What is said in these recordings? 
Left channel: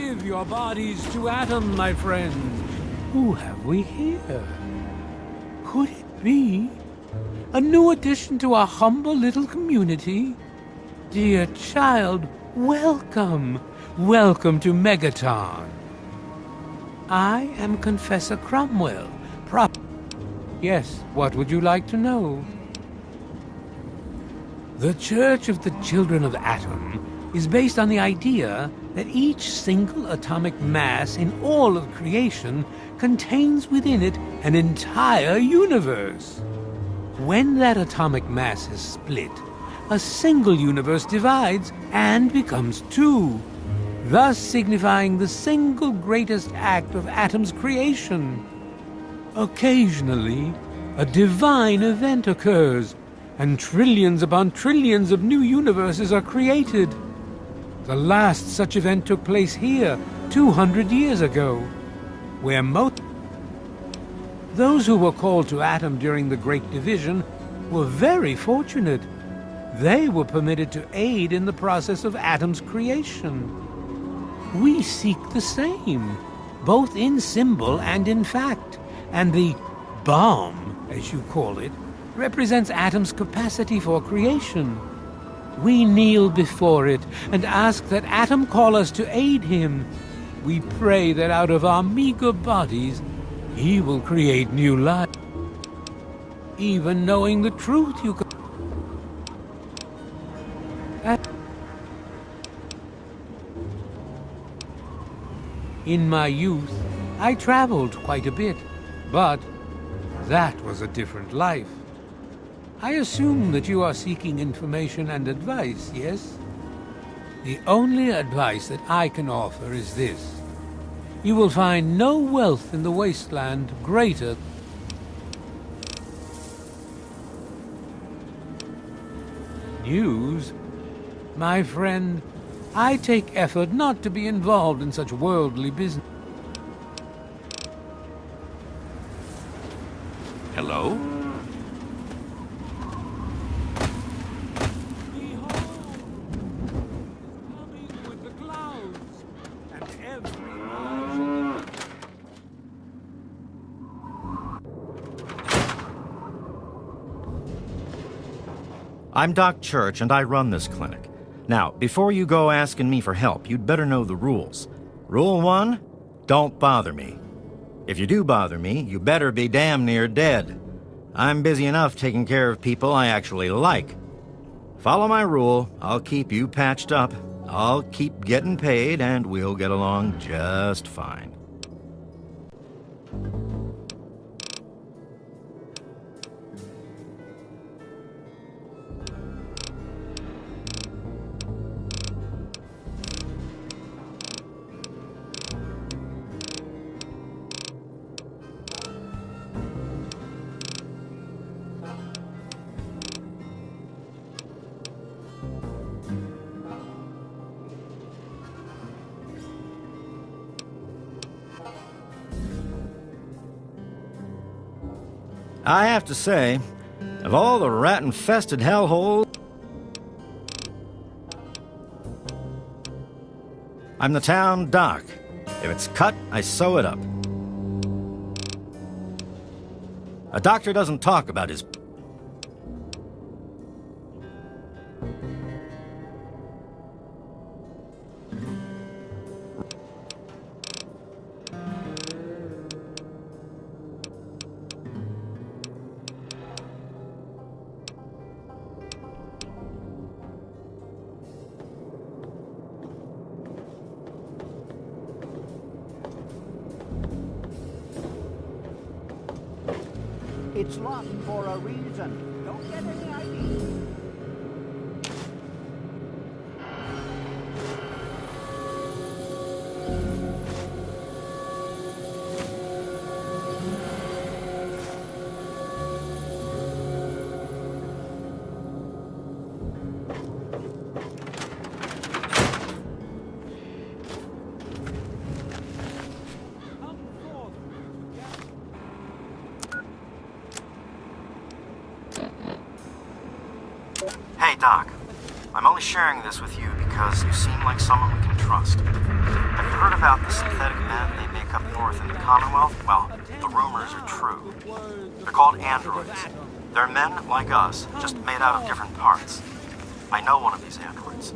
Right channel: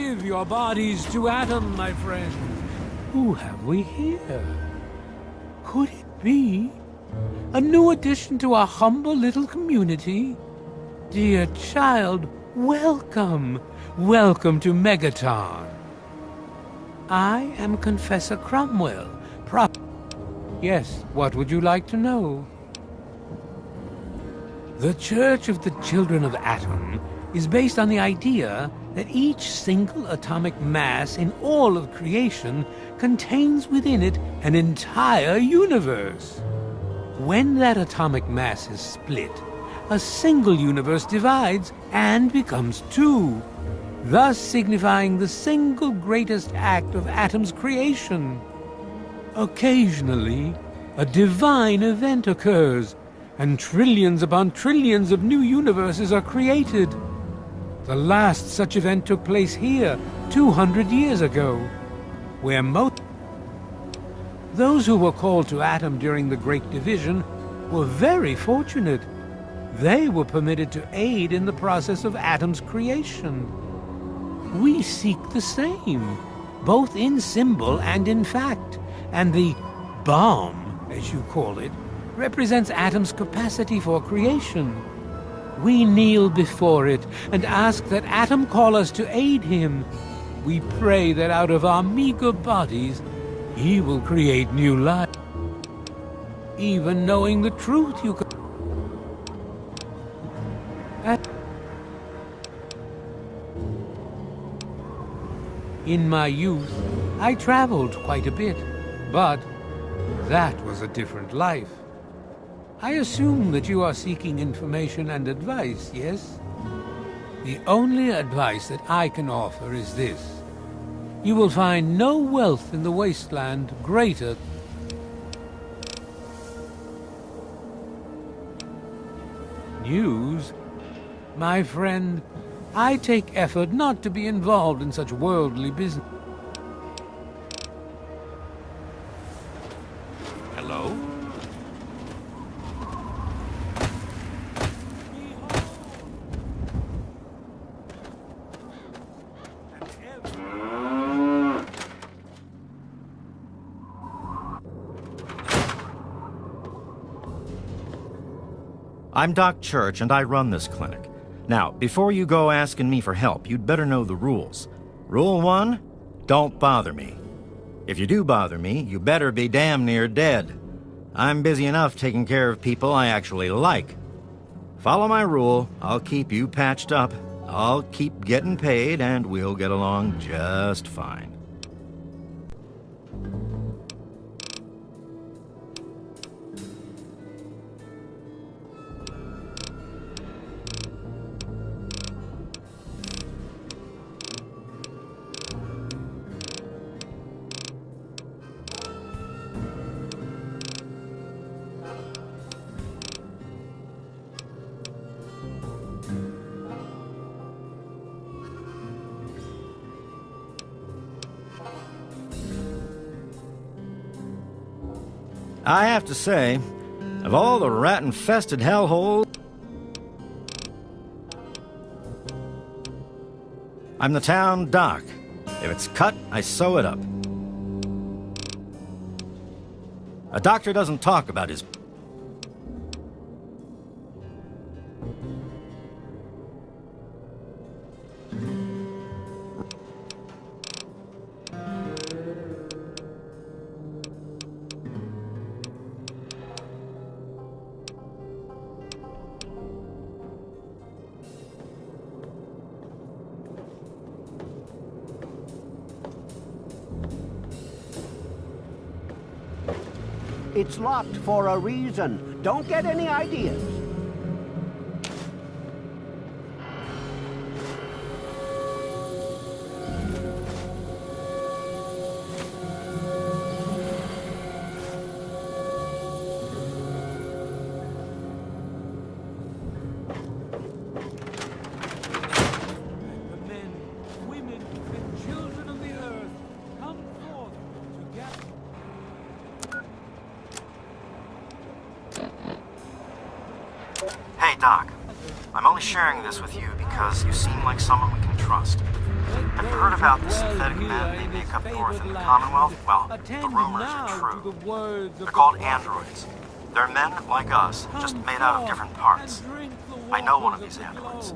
Give your bodies to Atom, my friends. Who have we here? Could it be a new addition to our humble little community? Dear child, welcome. Welcome to Megaton. I am Confessor Cromwell. Yes, what would you like to know? The Church of the Children of Atom is based on the idea that each single atomic mass in all of creation contains within it an entire universe. When that atomic mass is split, a single universe divides and becomes two, thus signifying the single greatest act of Atom's creation. Occasionally, a divine event occurs, and trillions upon trillions of new universes are created. The last such event took place here 200 years ago, where those who were called to Atom during the Great Division were very fortunate. They were permitted to aid in the process of Atom's creation. We seek the same, both in symbol and in fact, and the bomb, as you call it, represents Atom's capacity for creation. We kneel before it and ask that Atom call us to aid him. We pray that out of our meager bodies, he will create new life. Even knowing the truth, you can... In my youth, I traveled quite a bit, but that was a different life. I assume that you are seeking information and advice, yes? The only advice that I can offer is this. You will find no wealth in the wasteland greater. News? My friend, I take effort not to be involved in such worldly business. I'm Doc Church, and I run this clinic. Now, before you go asking me for help, you'd better know the rules. Rule 1, don't bother me. If you do bother me, you better be damn near dead. I'm busy enough taking care of people I actually like. Follow my rule, I'll keep you patched up, I'll keep getting paid, and we'll get along just fine. I have to say, of all the rat-infested hellholes, I'm the town doc. If it's cut, I sew it up. A doctor doesn't talk about his... It's locked for a reason. Don't get any ideas. Hey, Doc. I'm only sharing this with you because you seem like someone we can trust. Have you heard of about the synthetic men they make up north in the Commonwealth? Well, the rumors are true. They're called androids. They're men like us, just made out of different parts. I know one of these androids.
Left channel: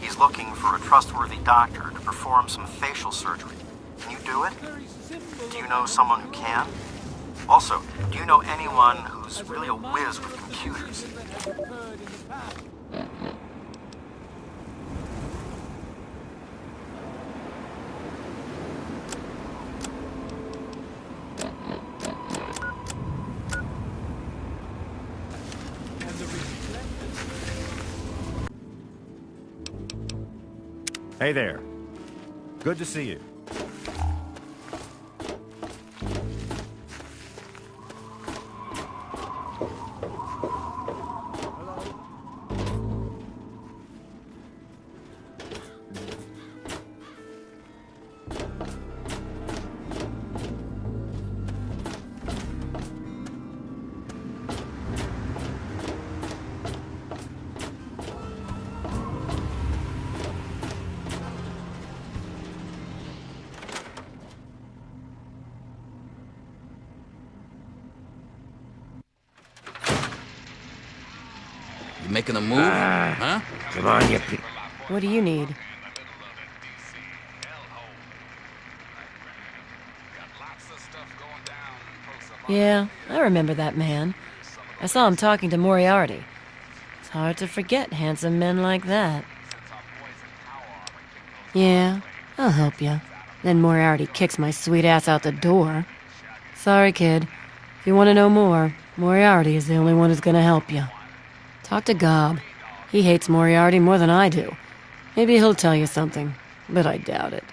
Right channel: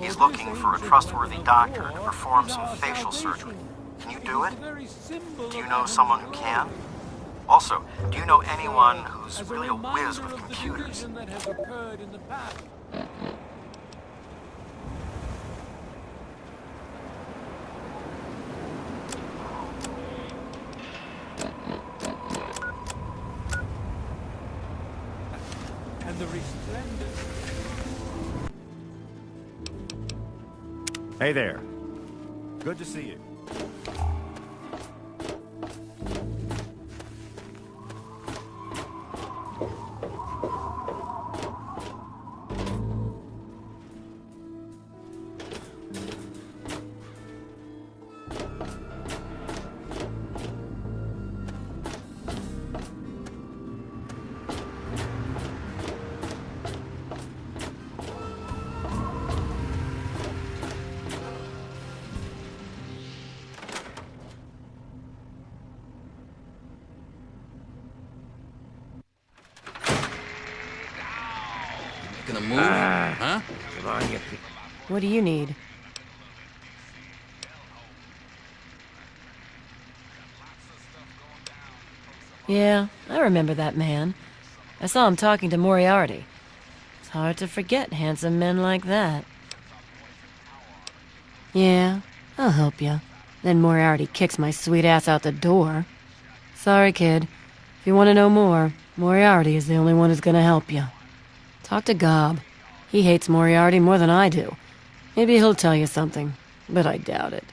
He's looking for a trustworthy doctor to perform some facial surgery. Can you do it? Do you know someone who can? Also, do you know anyone who's really a whiz with computers? Hey there. Good to see you. Making a move. Come on, you What do you need? Yeah, I remember that man. I saw him talking to Moriarty. It's hard to forget handsome men like that. Yeah, I'll help you. Then Moriarty kicks my sweet ass out the door. Sorry, kid. If you want to know more, Moriarty is the only one who's gonna help you. Talk to Gob. He hates Moriarty more than I do. Maybe he'll tell you something, but I doubt it.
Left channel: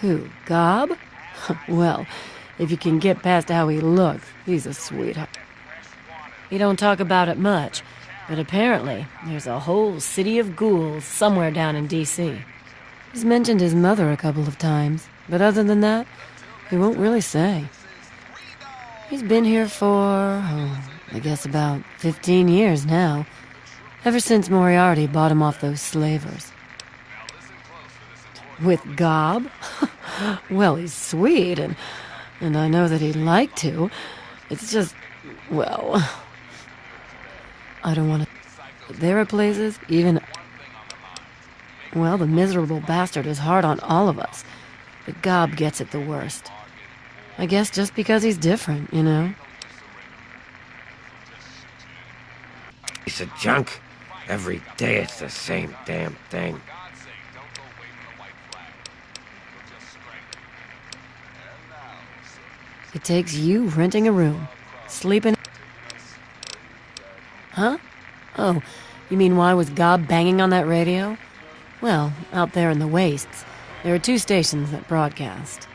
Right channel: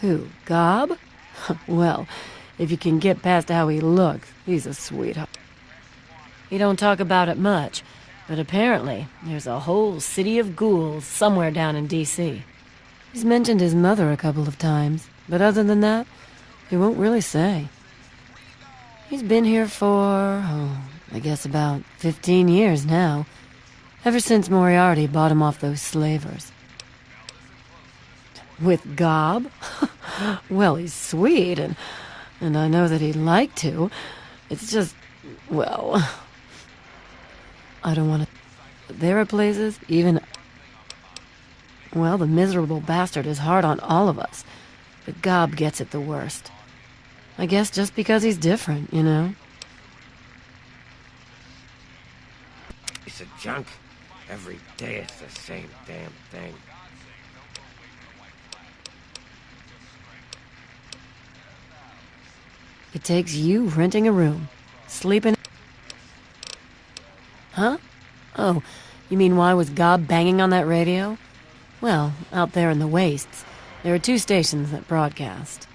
Who, Gob? Well, if you can get past how he looks, he's a sweetheart. He don't talk about it much, but apparently there's a whole city of ghouls somewhere down in D.C. He's mentioned his mother a couple of times, but other than that, he won't really say. He's been here for, I guess about 15 years now, ever since Moriarty bought him off those slavers. With Gob? Well, he's sweet, and I know that he'd like to. It's just, well, I don't want to... There are places, even... Well, the miserable bastard is hard on all of us, but Gob gets it the worst. I guess just because he's different, you know? Piece of junk. Every day it's the same damn thing. It takes you renting a room, sleeping... Huh? Oh, you mean why was Gob banging on that radio? Well, out there in the wastes, there are 2 stations that broadcast.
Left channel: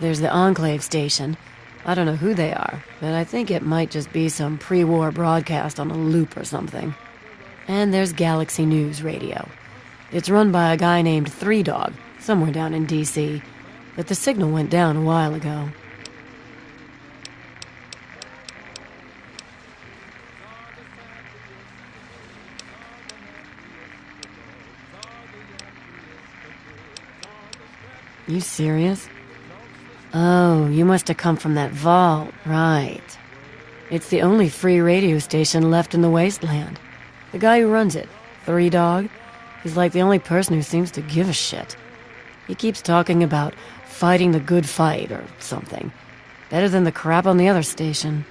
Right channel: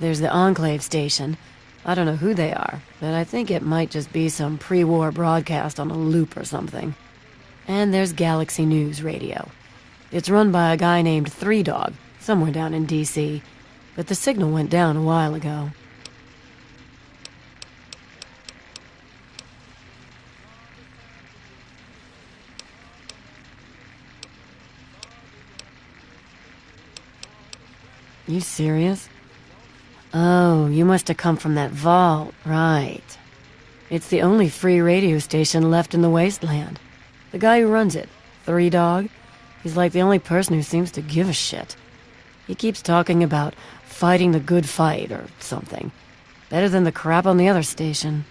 There's the Enclave station. I don't know who they are, but I think it might just be some pre-war broadcast on a loop or something. And there's Galaxy News Radio. It's run by a guy named Three Dog, somewhere down in D.C., but the signal went down a while ago. You serious? Oh, you must have come from that vault, right. It's the only free radio station left in the wasteland. The guy who runs it, Three Dog, he's like the only person who seems to give a shit. He keeps talking about fighting the good fight or something. Better than the crap on the other station.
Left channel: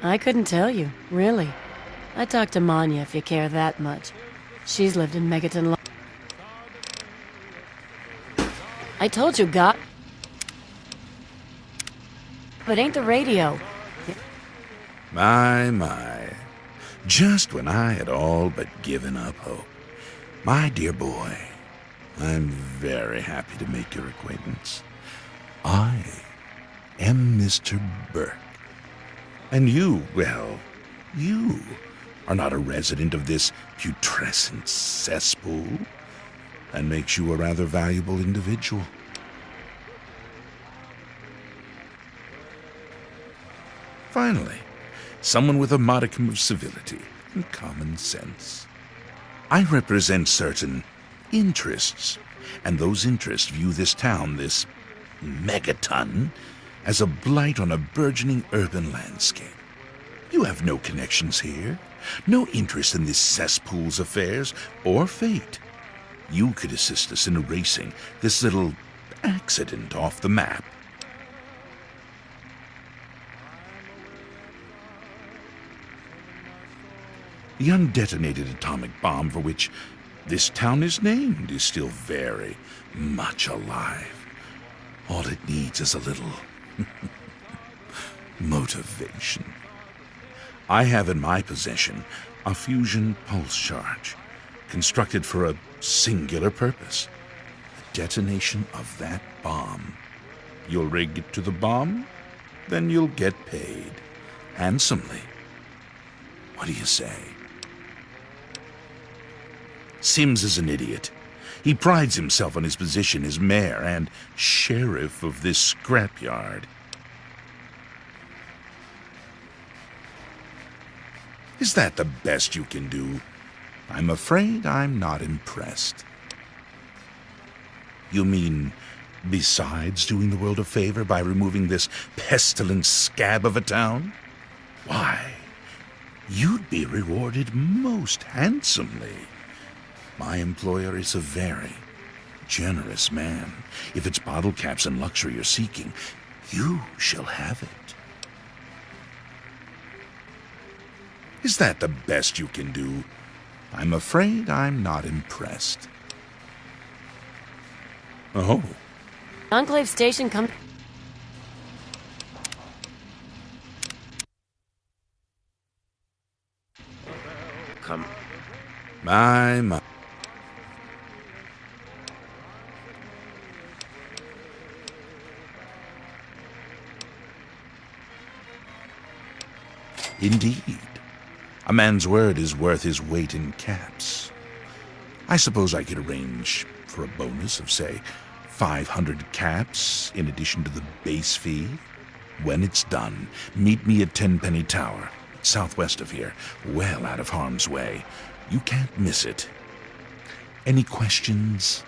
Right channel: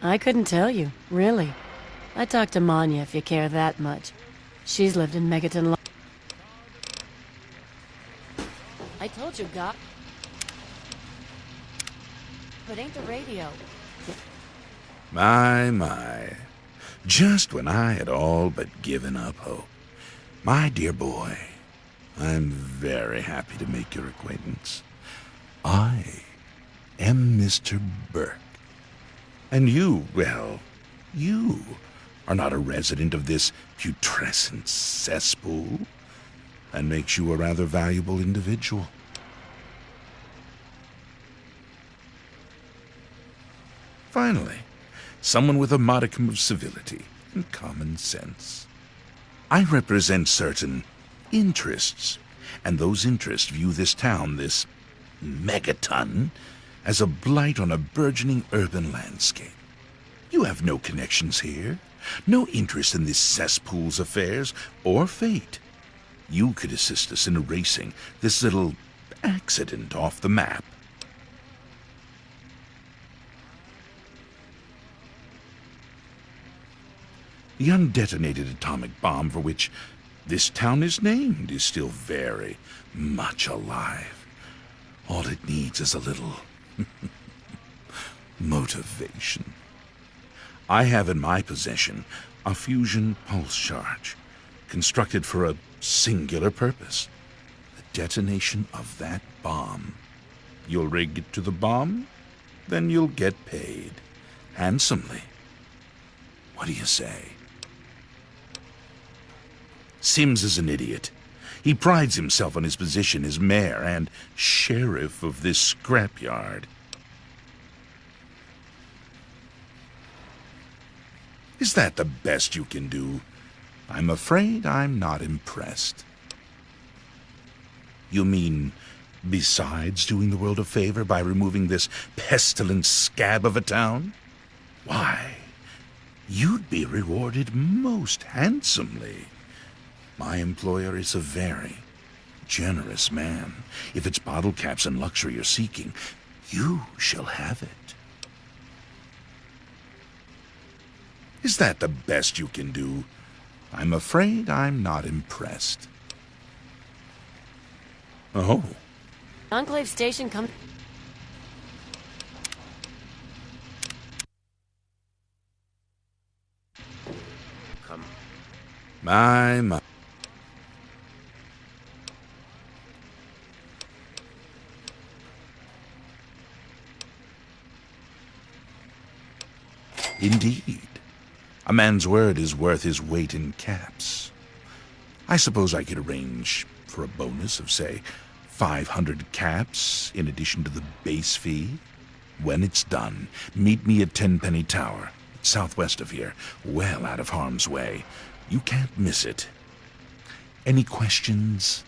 I couldn't tell you, really. I talked to Manya if you care that much. She's lived in Megaton. I told you, God. But ain't the radio. My. Just when I had all but given up hope. My dear boy, I'm very happy to make your acquaintance. Mr. Burke. And you, well, you are not a resident of this putrescent cesspool. That makes you a rather valuable individual. Finally, someone with a modicum of civility and common sense. I represent certain interests, and those interests view this town, this megaton, as a blight on a burgeoning urban landscape. You have no connections here, no interest in this cesspool's affairs or fate. You could assist us in erasing this little accident off the map. The undetonated atomic bomb for which this town is named is still very much alive. All it needs is a little motivation. I have in my possession a fusion pulse charge, constructed for a singular purpose: the detonation of that bomb. You'll rig it to the bomb, then you'll get paid handsomely. What do you say? Sims is an idiot. He prides himself on his position as mayor and sheriff of this scrapyard. Is that the best you can do? I'm afraid I'm not impressed. You mean, besides doing the world a favor by removing this pestilent scab of a town? Why, you'd be rewarded most handsomely. My employer is a very generous man. If it's bottle caps and luxury you're seeking, you shall have it. Is that the best you can do? I'm afraid I'm not impressed. Oh. Enclave Station come... Come. My. Indeed. A man's word is worth his weight in caps. I suppose I could arrange for a bonus of, say, 500 caps in addition to the base fee. When it's done, meet me at Tenpenny Tower, southwest of here, well out of harm's way. You can't miss it. Any questions?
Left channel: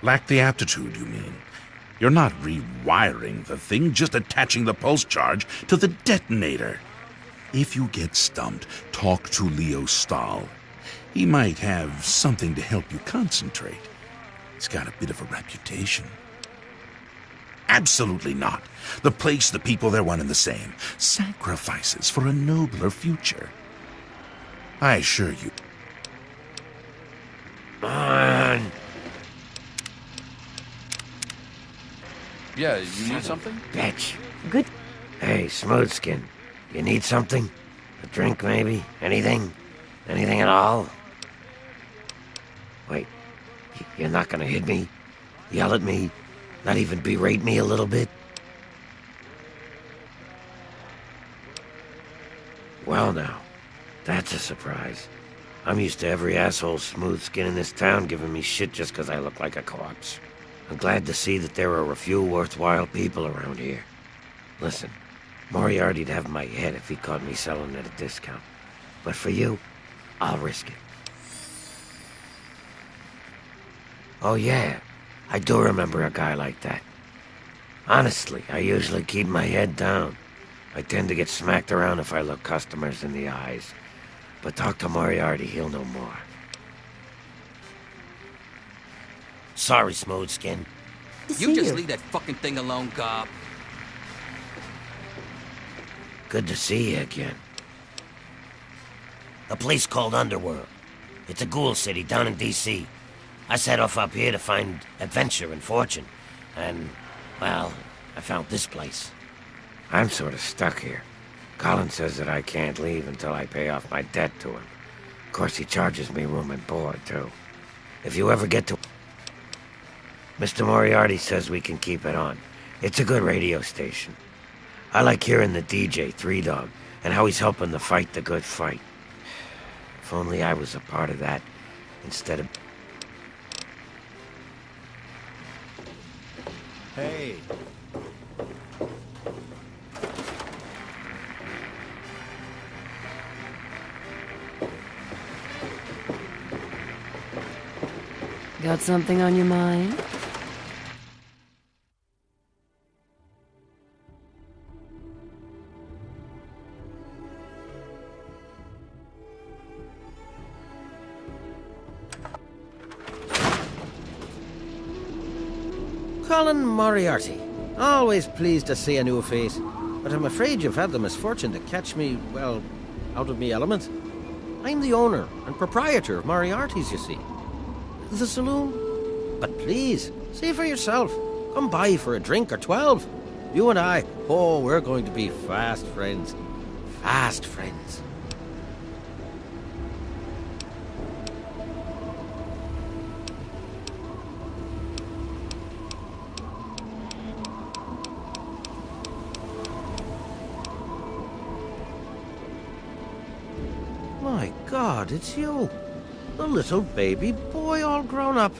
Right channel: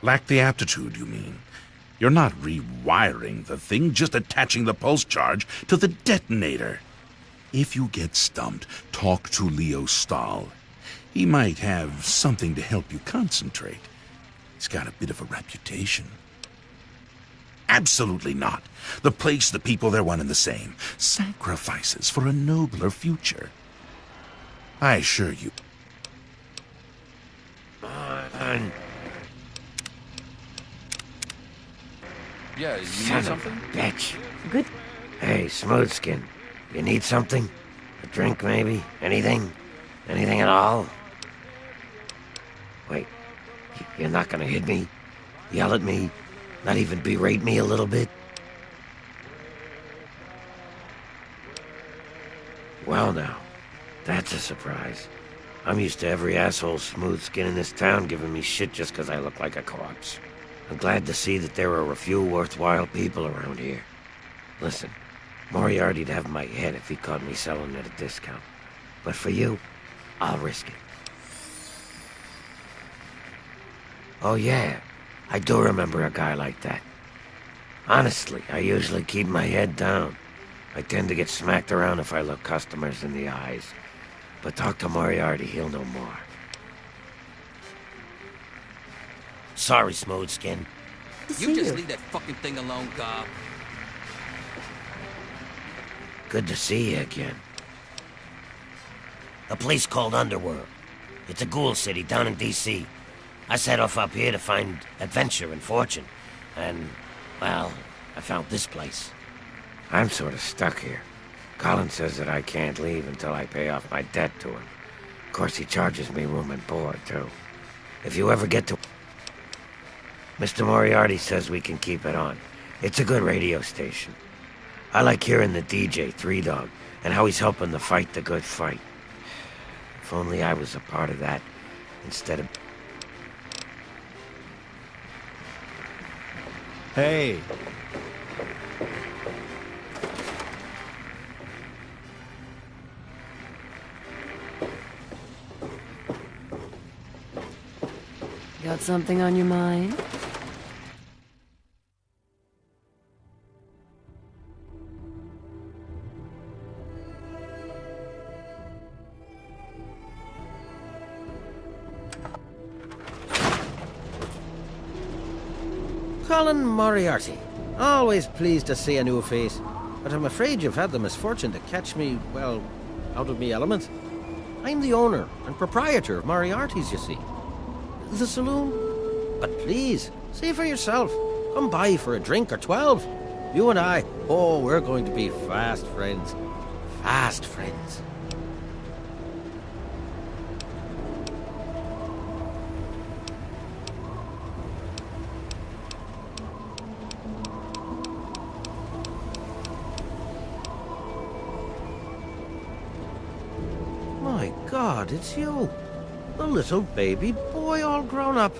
Lack the aptitude, you mean? You're not rewiring the thing, just attaching the pulse charge to the detonator. If you get stumped, talk to Leo Stahl. He might have something to help you concentrate. He's got a bit of a reputation. Absolutely not. The place, the people, they're one and the same. Sacrifices for a nobler future. I assure you. On. Son of a bitch. Hey, Smoothskin, you need something? A drink, maybe? Anything? Anything at all? Wait, you're not gonna hit me? Yell at me? Not even berate me a little bit? Well now, that's a surprise. I'm used to every asshole Smoothskin in this town giving me shit just 'cause I look like a corpse. I'm glad to see that there are a few worthwhile people around here. Listen, Moriarty'd have my head if he caught me selling at a discount. But for you, I'll risk it. Oh yeah, I do remember a guy like that. Honestly, I usually keep my head down. I tend to get smacked around if I look customers in the eyes. But talk to Moriarty, he'll know more. Sorry, Smoothskin. You just leave that fucking thing alone, Carl. Good to see you again. A place called Underworld. It's a ghoul city down in D.C. I set off up here to find adventure and fortune. And, well, I found this place. I'm sort of stuck here. Colin says that I can't leave until I pay off my debt to him. Of course, he charges me room and board, too. If you ever get to... Mr. Moriarty says we can keep it on. It's a good radio station. I like hearing the DJ, Three Dog, and how he's helping to fight the good fight. If only I was a part of that, instead of... Hey. Got something on your mind? Colin Moriarty. Always pleased to see a new face. But I'm afraid you've had the misfortune to catch me, well, out of me element. I'm the owner and proprietor of Moriarty's, you see. The saloon? But please, see for yourself. Come by for a drink or 12. You and I, oh, we're going to be fast friends. Fast friends. My God, it's you. The little baby boy all grown up.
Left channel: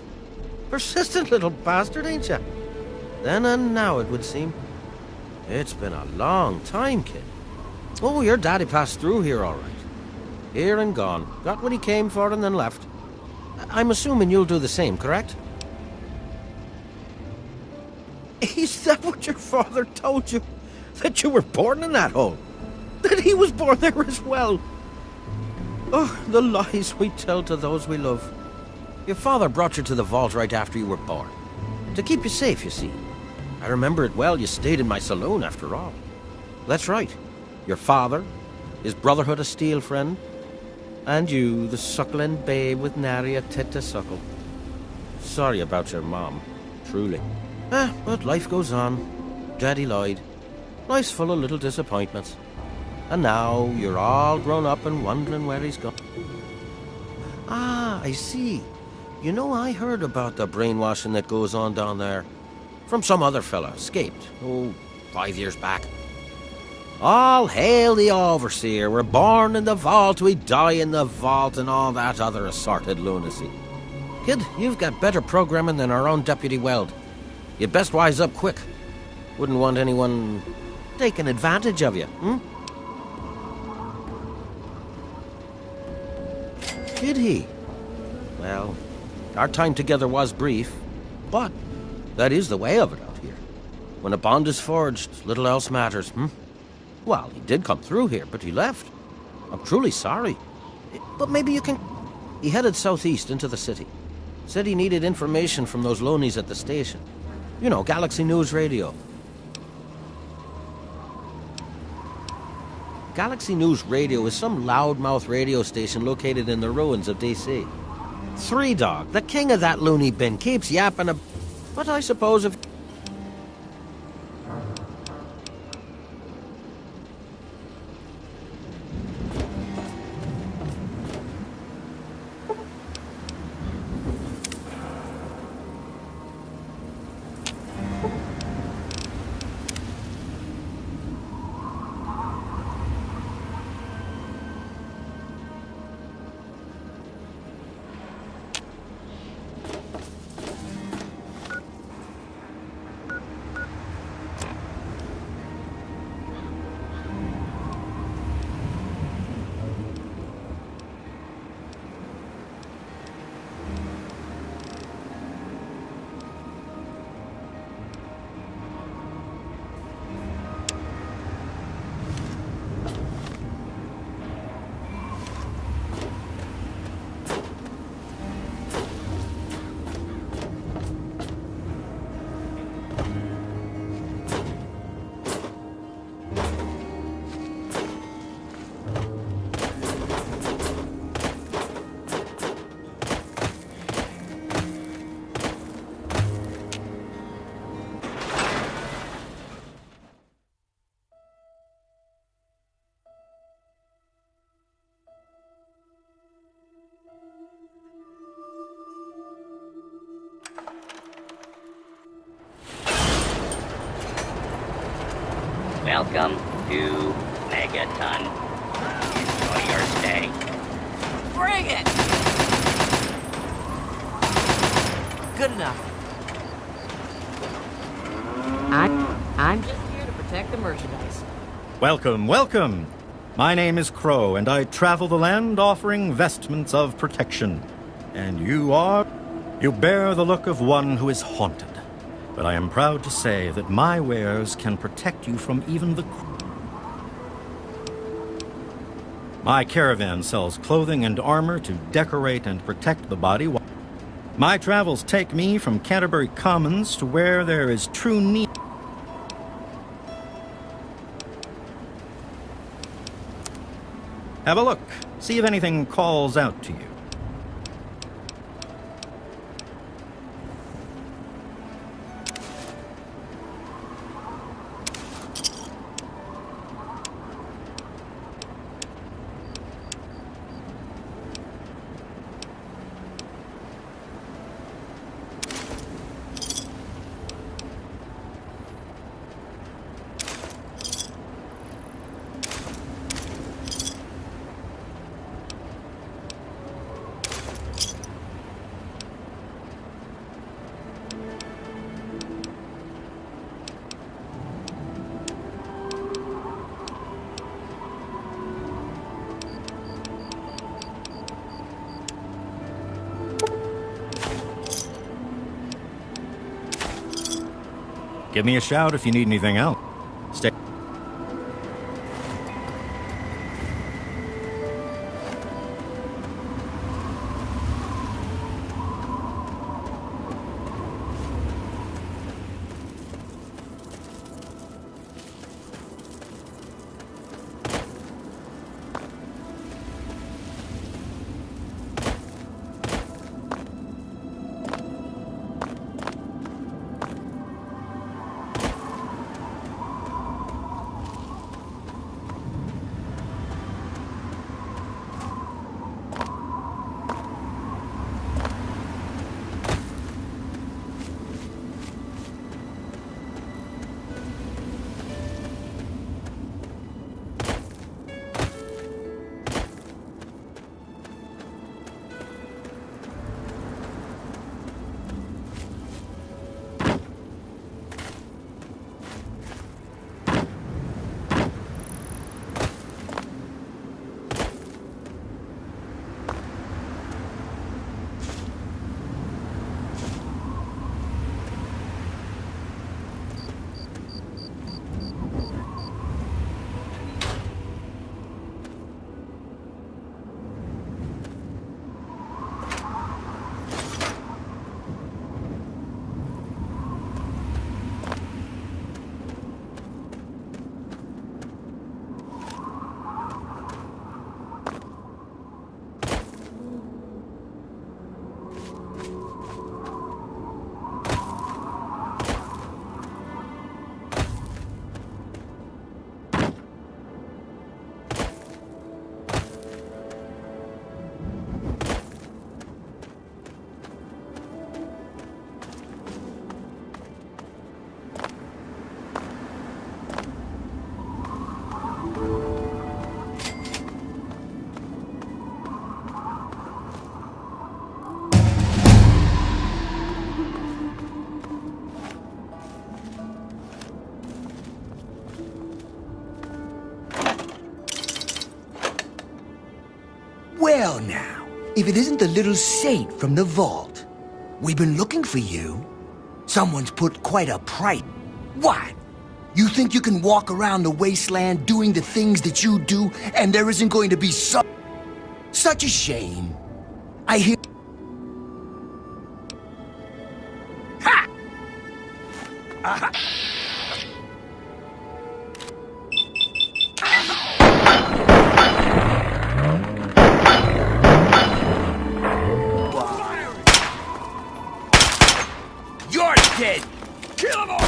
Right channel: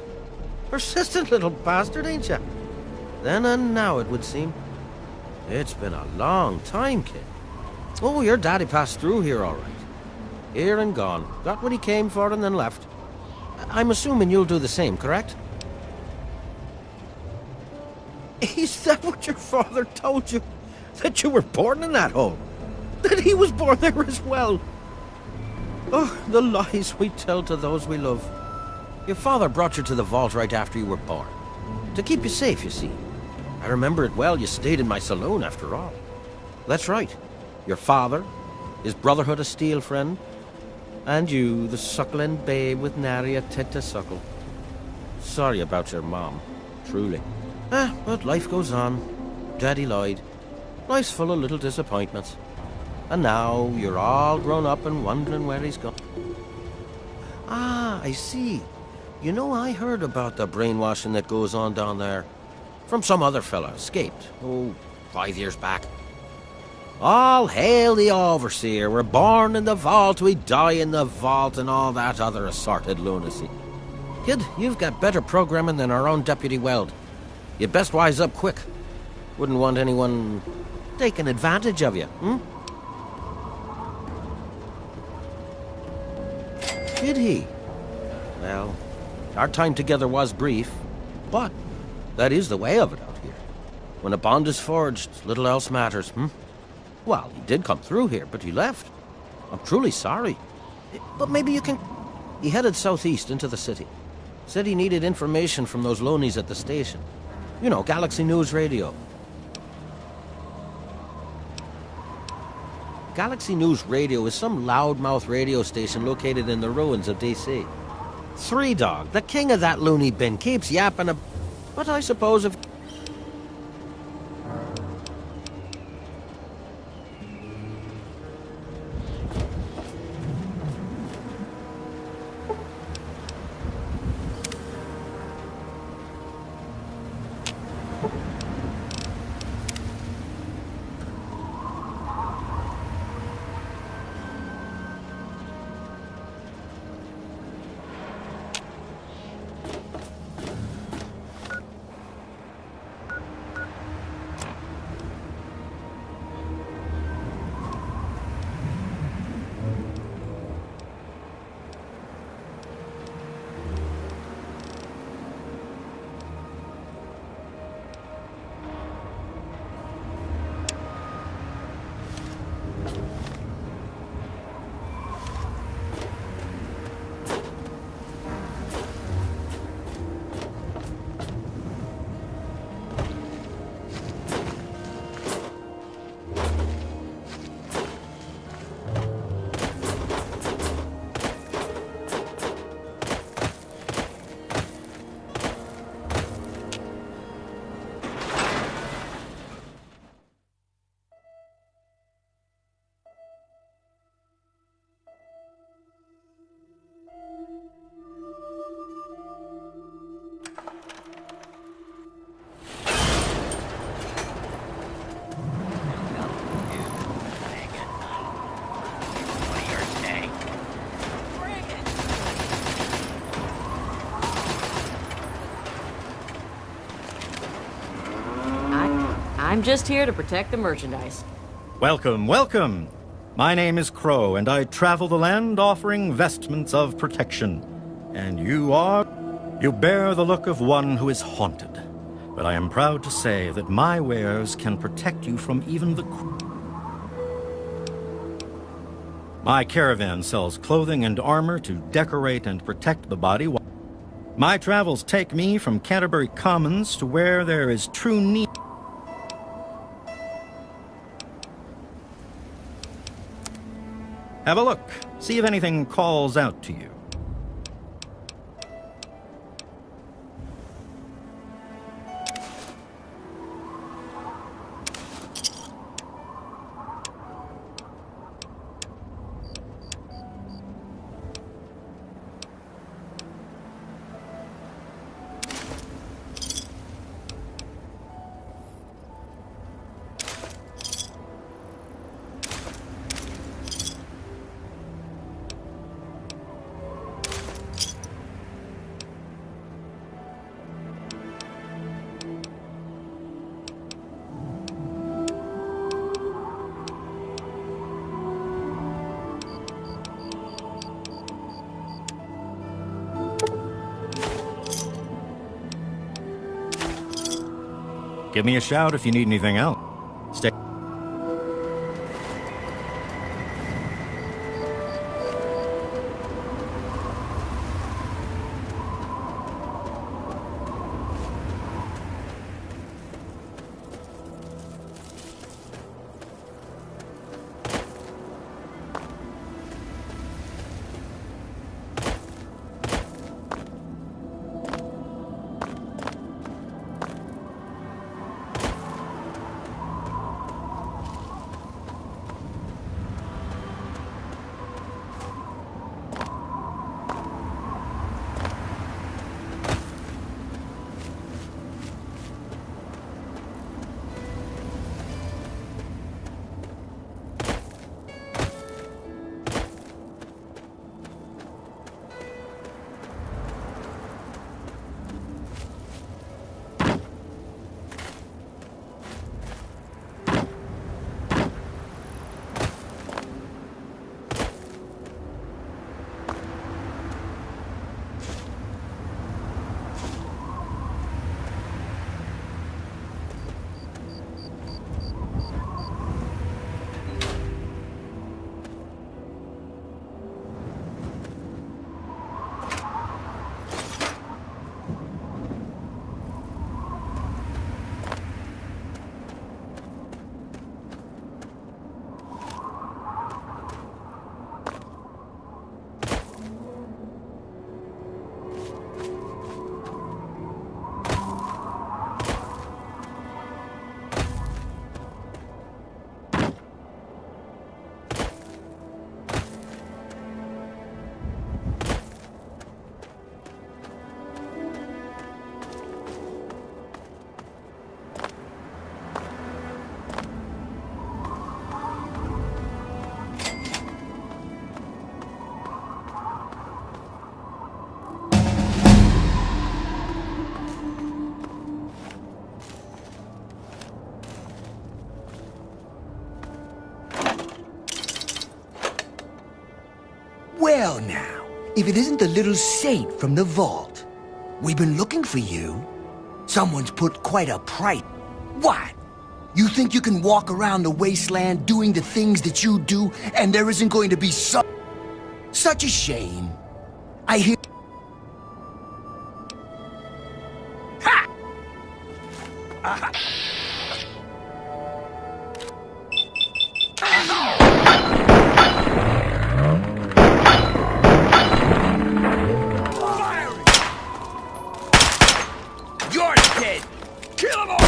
Persistent little bastard, ain't you? Then and now, it would seem. It's been a long time, kid. Oh, your daddy passed through here all right. Here and gone. Got what he came for and then left. I'm assuming you'll do the same, correct? Is that what your father told you? That you were born in that hole? That he was born there as well? Oh, the lies we tell to those we love. Your father brought you to the vault right after you were born. To keep you safe, you see. I remember it well, you stayed in my saloon after all. That's right. Your father, his Brotherhood of Steel friend, and you, the suckling babe with nary a tit to suckle. Sorry about your mom, truly. But life goes on. Daddy lied. Life's full of little disappointments. And now you're all grown up and wondering where he's gone. Ah, I see. You know, I heard about the brainwashing that goes on down there. From some other fella, escaped, 5 years back. All hail the overseer. We're born in the vault, we die in the vault, and all that other assorted lunacy. Kid, you've got better programming than our own Deputy Weld. You'd best wise up quick. Wouldn't want anyone taking advantage of you, Did he? Well, our time together was brief, but that is the way of it out here. When a bond is forged, little else matters, Well, he did come through here, but he left. I'm truly sorry. But maybe you can... He headed southeast into the city. Said he needed information from those loonies at the station. You know, Galaxy News Radio. Galaxy News Radio is some loudmouth radio station located in the ruins of D.C. Three Dog, the king of that loony bin, keeps yapping But I suppose if... Welcome to Megaton. Thursday. Bring it! Good enough. I'm just here to protect the merchandise. Welcome, welcome. My name is Crow, and I travel the land offering vestments of protection. And you are? You bear the look of one who is haunted. But I am proud to say that my wares can protect you from even the... My caravan sells clothing and armor to decorate and protect the body. My travels take me from Canterbury Commons to where there is true need. Have a look. See if anything calls out to you. Give me a shout if you need anything else. Stay. Well now, if it isn't the little saint from the vault. We've been looking for you. Someone's put quite a price. What? You think you can walk around the wasteland doing the things that you do, and there isn't going to be such a shame? I hear... Ha! Aha! You're dead! Kill them all!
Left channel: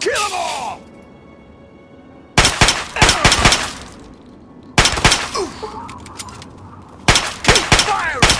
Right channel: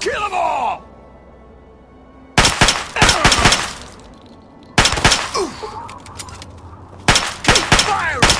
Kill them all! Keep firing!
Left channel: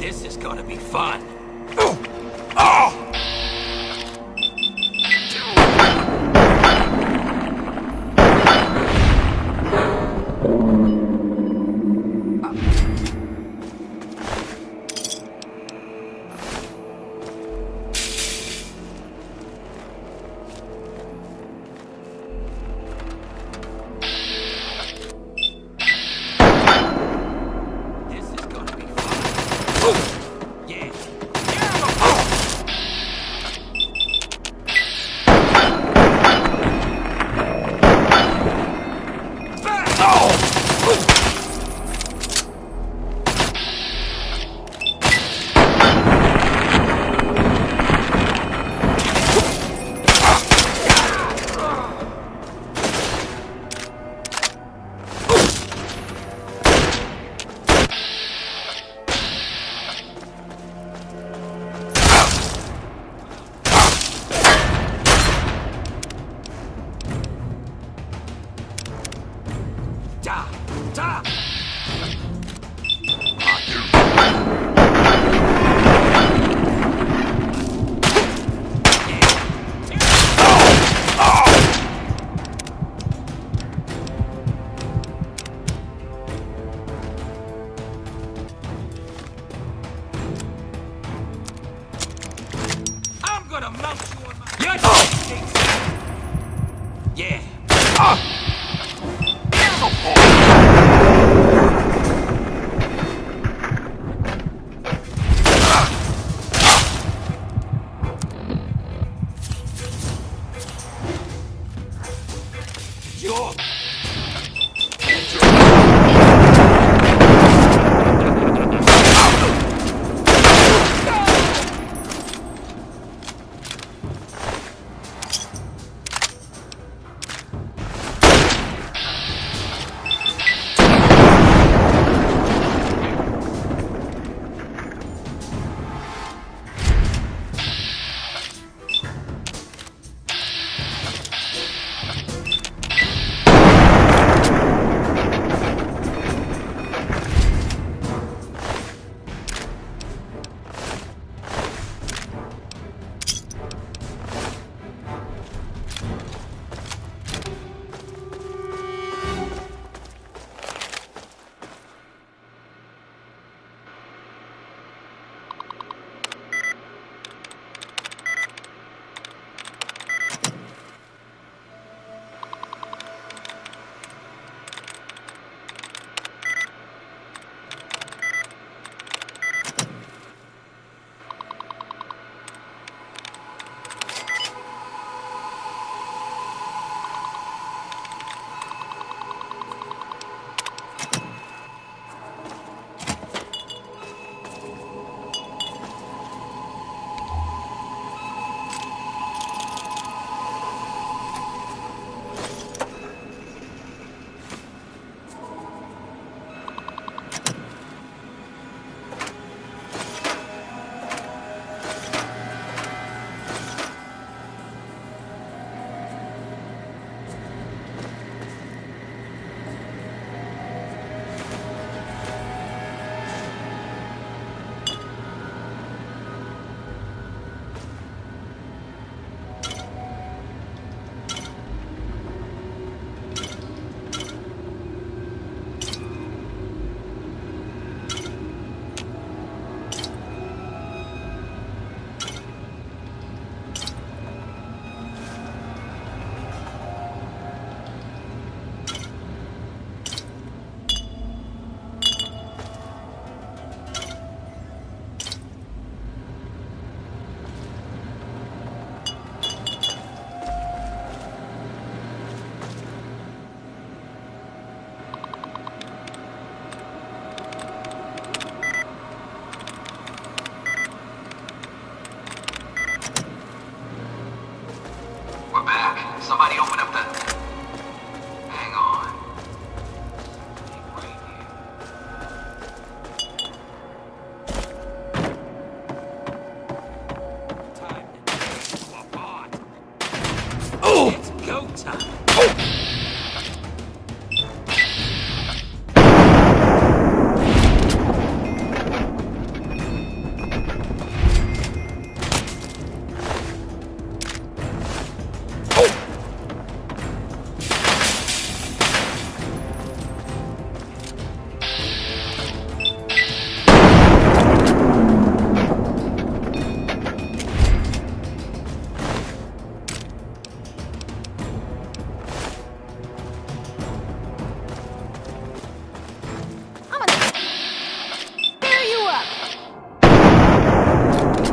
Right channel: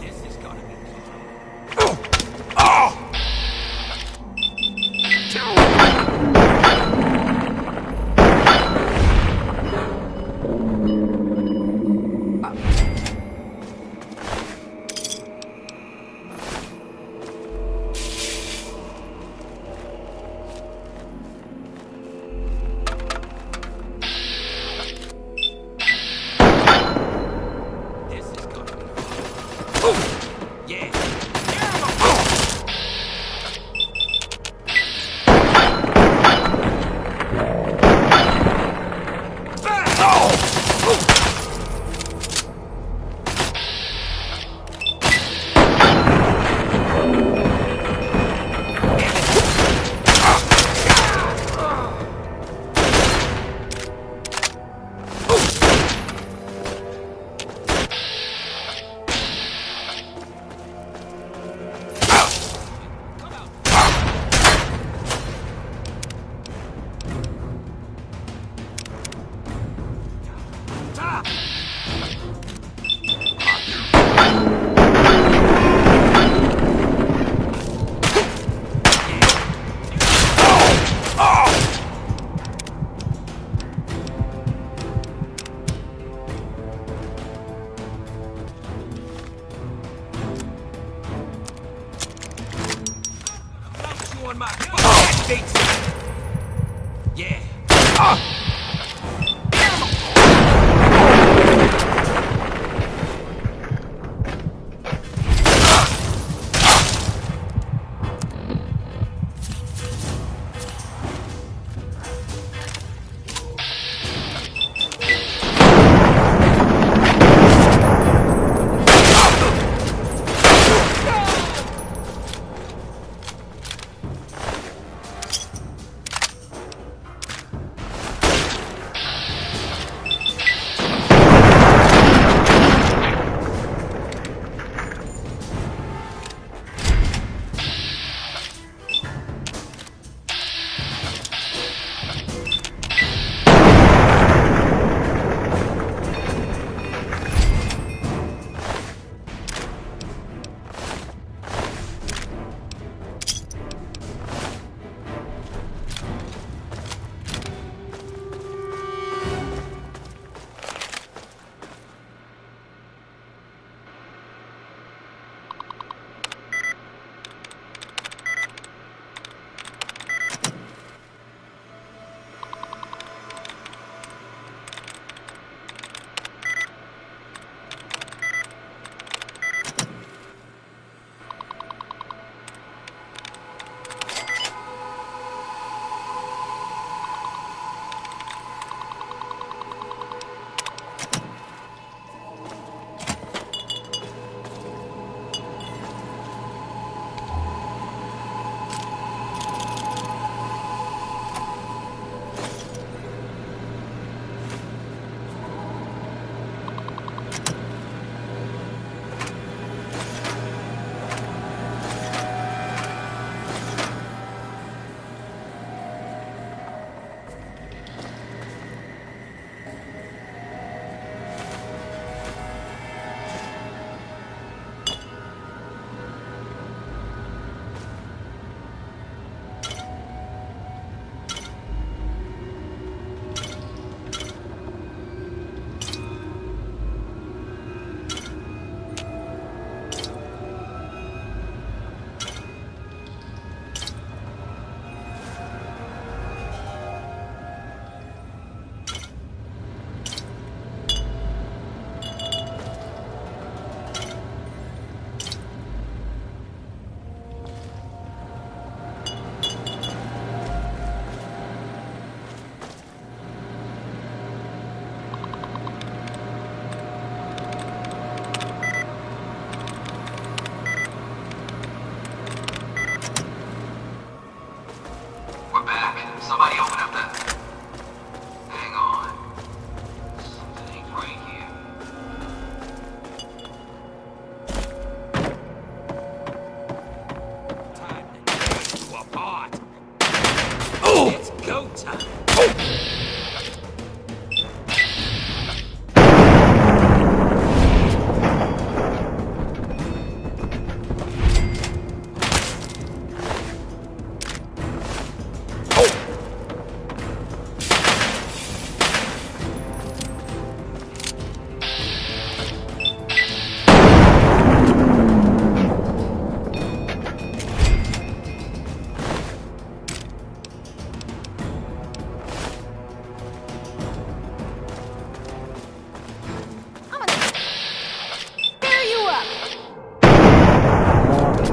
This is gonna be fun. This is gonna be fun. Yeah. I'm gonna mount you on my big sack. Yeah.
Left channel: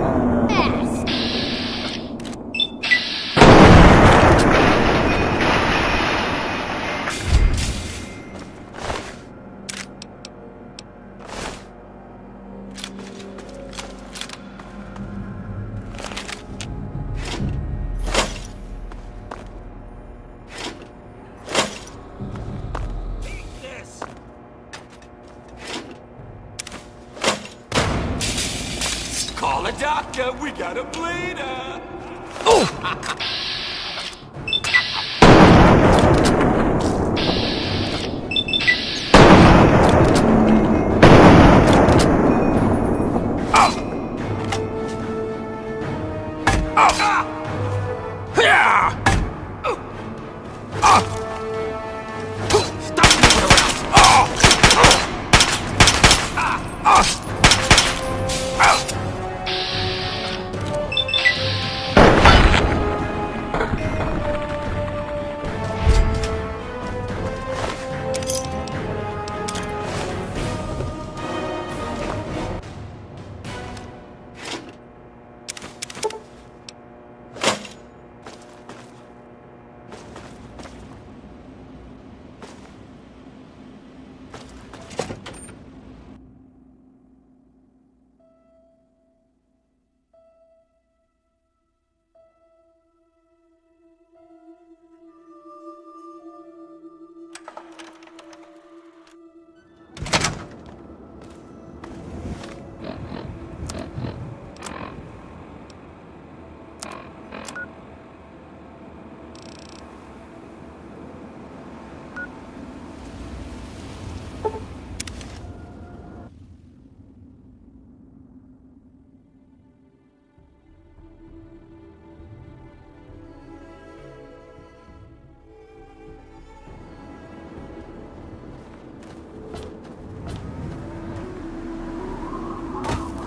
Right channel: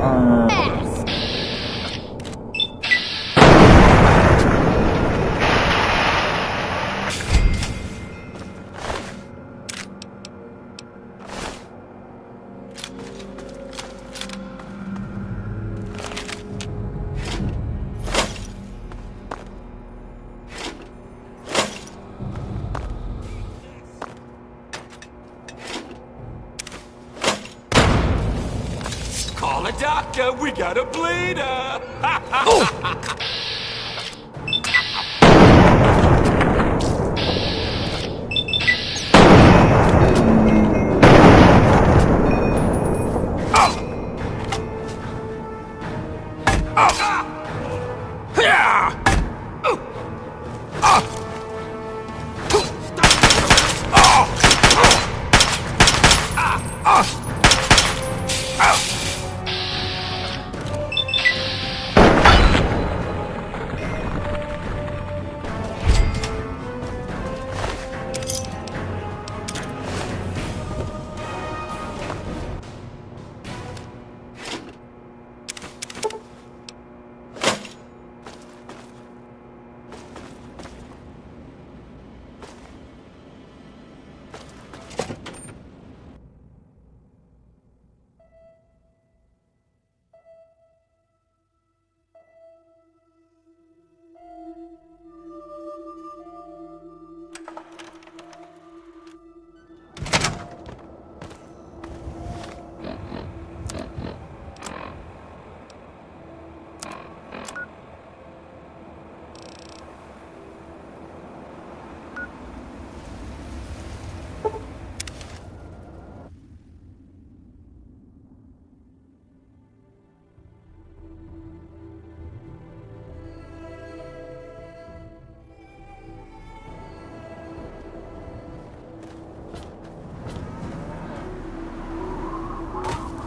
Fast!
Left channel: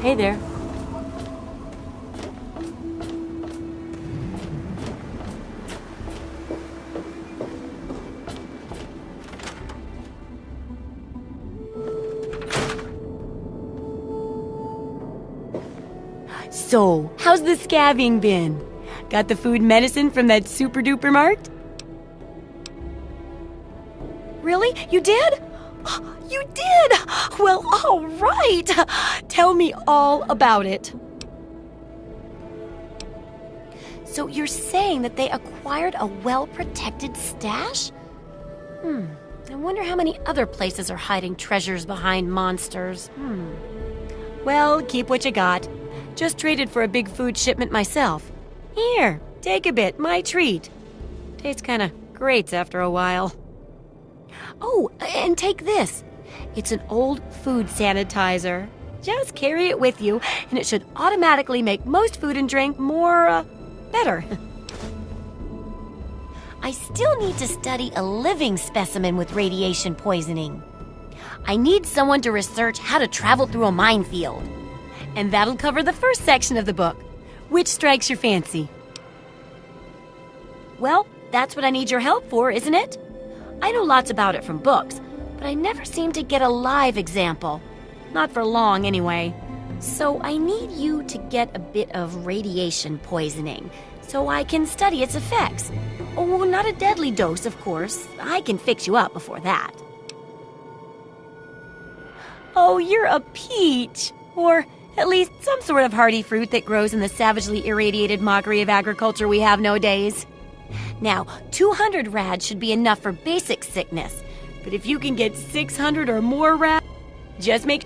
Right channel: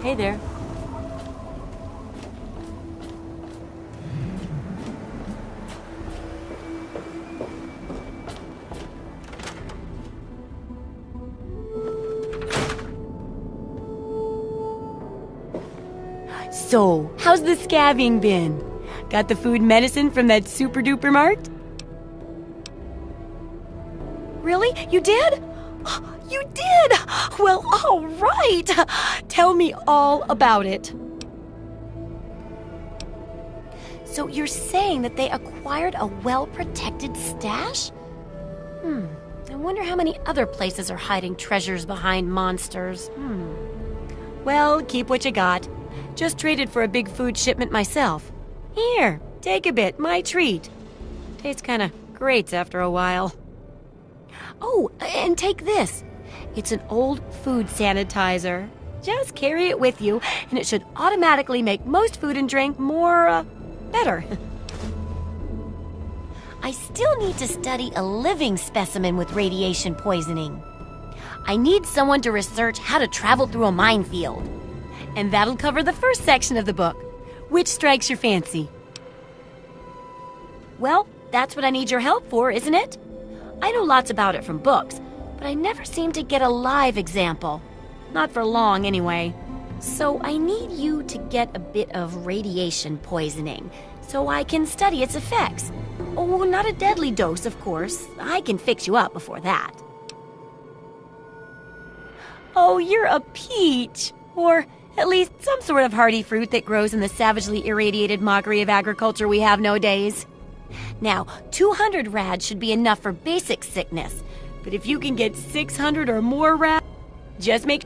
Hey there. So, how's the scabbing been? Got the food medicine from that super duper mart? Really? You did? You did! Well, all right. Tell me all about it. So you're saying that they acquired a well-protected stash? I wonder how many other places are hiding treasures behind monsters. Well, keep what you got. Just traded for a big food shipment myself. Here, take a bit, my treat. Tastes kinda great after a while. Oh, and take this. It's an old food sanitizer. Just carry it with you, and it should automatically make most food and drink more, better. I still need to study a living specimen with radiation poisoning. I need someone to research how to travel through a minefield. And that'll cover the first section of the book. Which strikes your fancy? Well, that's what I need your help for, isn't it? I know lots about it from books, but I never seem to get a live example. Not for long, anyway. So I need you to get a bit of radiation poisoning, so I can study its effects. Oh, not a deadly dose, of course. I can fix you up before that. Oh, you're a peach. Or at least some sort of hardy fruit that grows in the savagely irradiated mockery of agriculture we have nowadays. Now, 200 rads should be enough for basic sickness. But if you can get 600 or more rads, just make...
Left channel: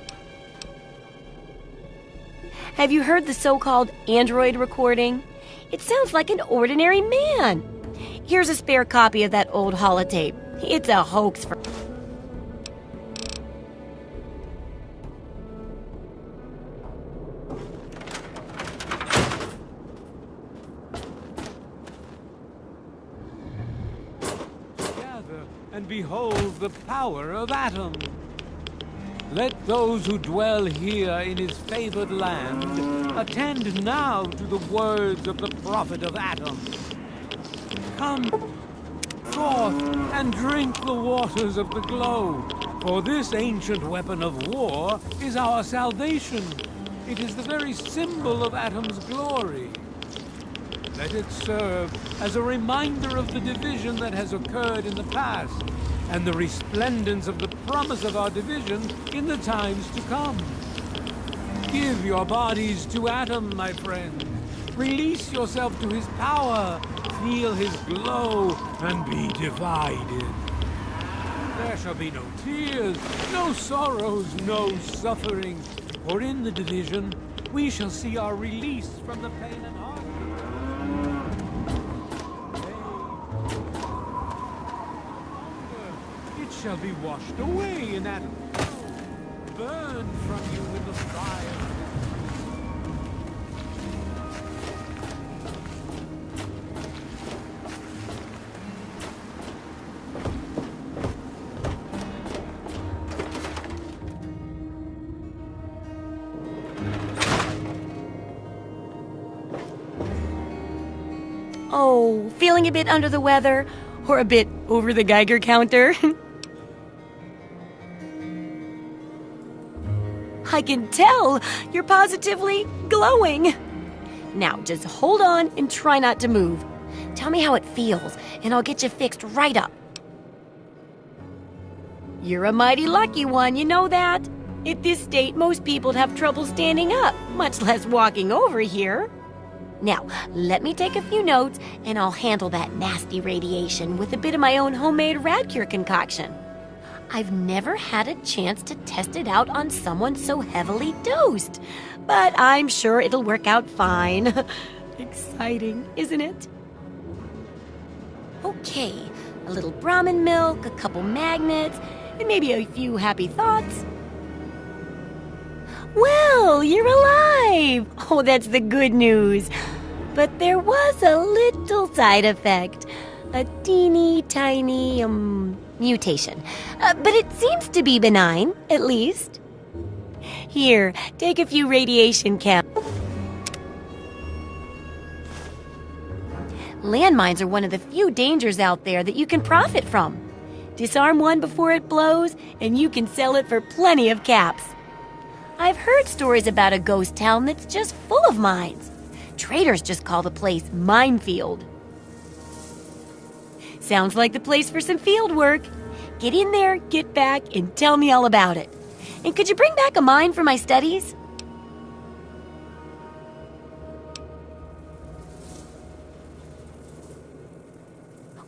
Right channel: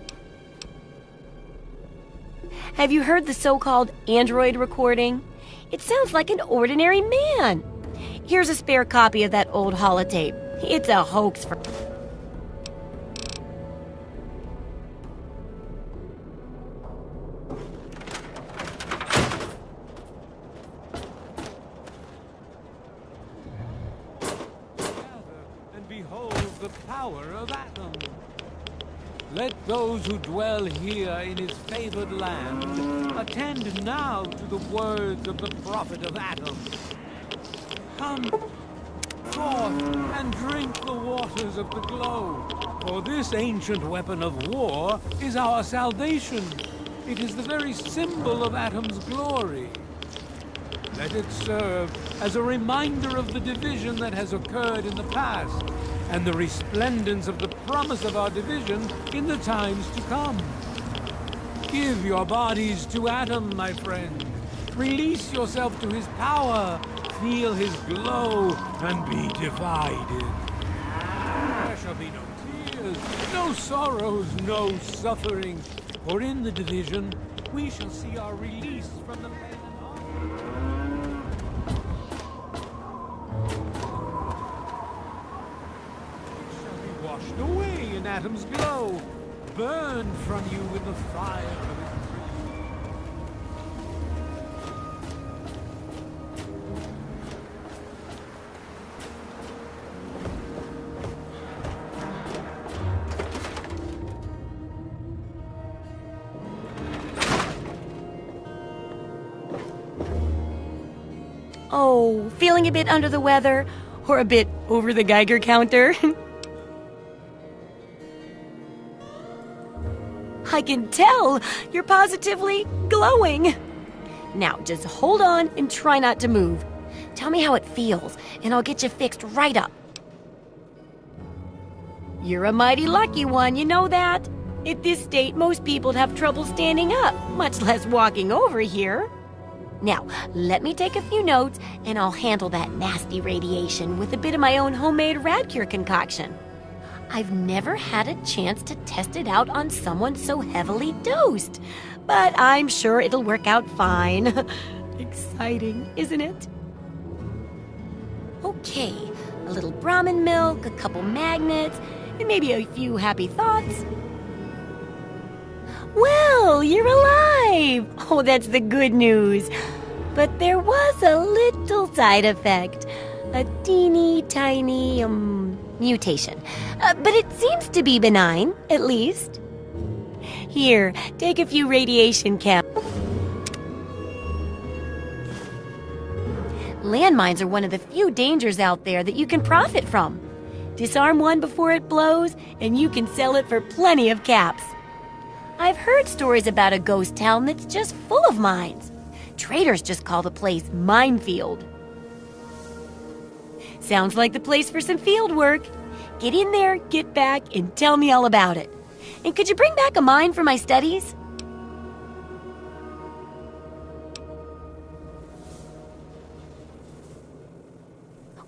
Have you heard the so-called android recording? It sounds like an ordinary man. Here's a spare copy of that old holotape. It's a hoax for... Gather and behold the power of Adam. Let those who dwell here in his favored land attend now to the words of the prophet of Adam. Come forth and drink the waters of the globe, for this ancient weapon of war is our salvation. It is the very symbol of Adam. shall see our release from the pen. It shall be washed away in Adam's glow. Burned from Oh, feeling a bit under the weather? Or a bit over the Geiger counter? I can tell you're positively glowing. Now, just hold on and try not to move. Tell me how it feels, and I'll get you fixed right up. You're a mighty lucky one, you know that? At this state, most people'd have trouble standing up, much less walking over here. Now, let me take a few notes, and I'll handle that nasty radiation with a bit of my own homemade Radcure concoction. I've never had a chance to test it out on someone so heavily dosed, but I'm sure it'll work out fine. Exciting, isn't it? Okay, a little Brahmin milk, a couple magnets, and maybe a few happy thoughts. Well, you're alive! Oh, that's the good news. But there was a little side effect. A teeny tiny, mutation. But it seems to be benign, at least. Here, take a few radiation caps. Landmines are one of the few dangers out there that you can profit from. Disarm one before it blows, and you can sell it for plenty of caps. I've heard stories about a ghost town that's just full of mines. Traders just call the place Minefield. Sounds like the place for some field work. Get in there, get back, and tell me all about it. And could you bring back a mine for my studies?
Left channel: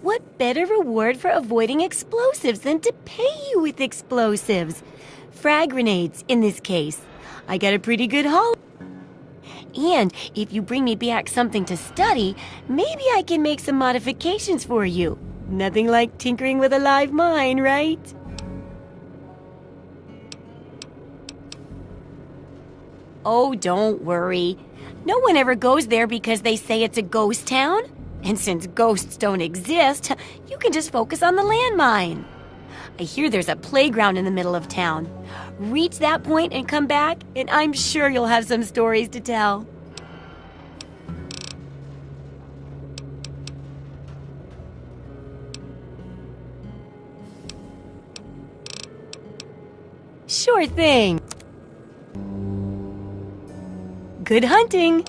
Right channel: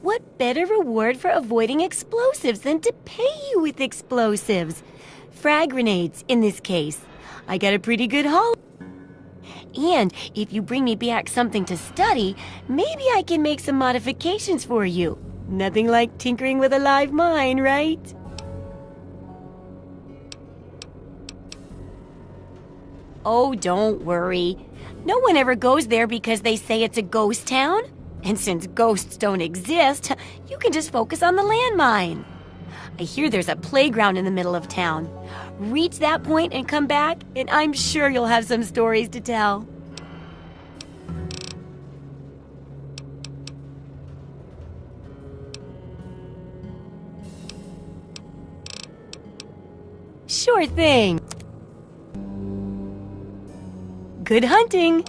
What better reward for avoiding explosives than to pay you with explosives? Frag grenades, in this case. I got a pretty good haul. And if you bring me back something to study, maybe I can make some modifications for you. Nothing like tinkering with a live mine, right? Oh, don't worry. No one ever goes there because they say it's a ghost town. And since ghosts don't exist, you can just focus on the landmine. I hear there's a playground in the middle of town. Reach that point and come back, and I'm sure you'll have some stories to tell. Sure thing. Good hunting.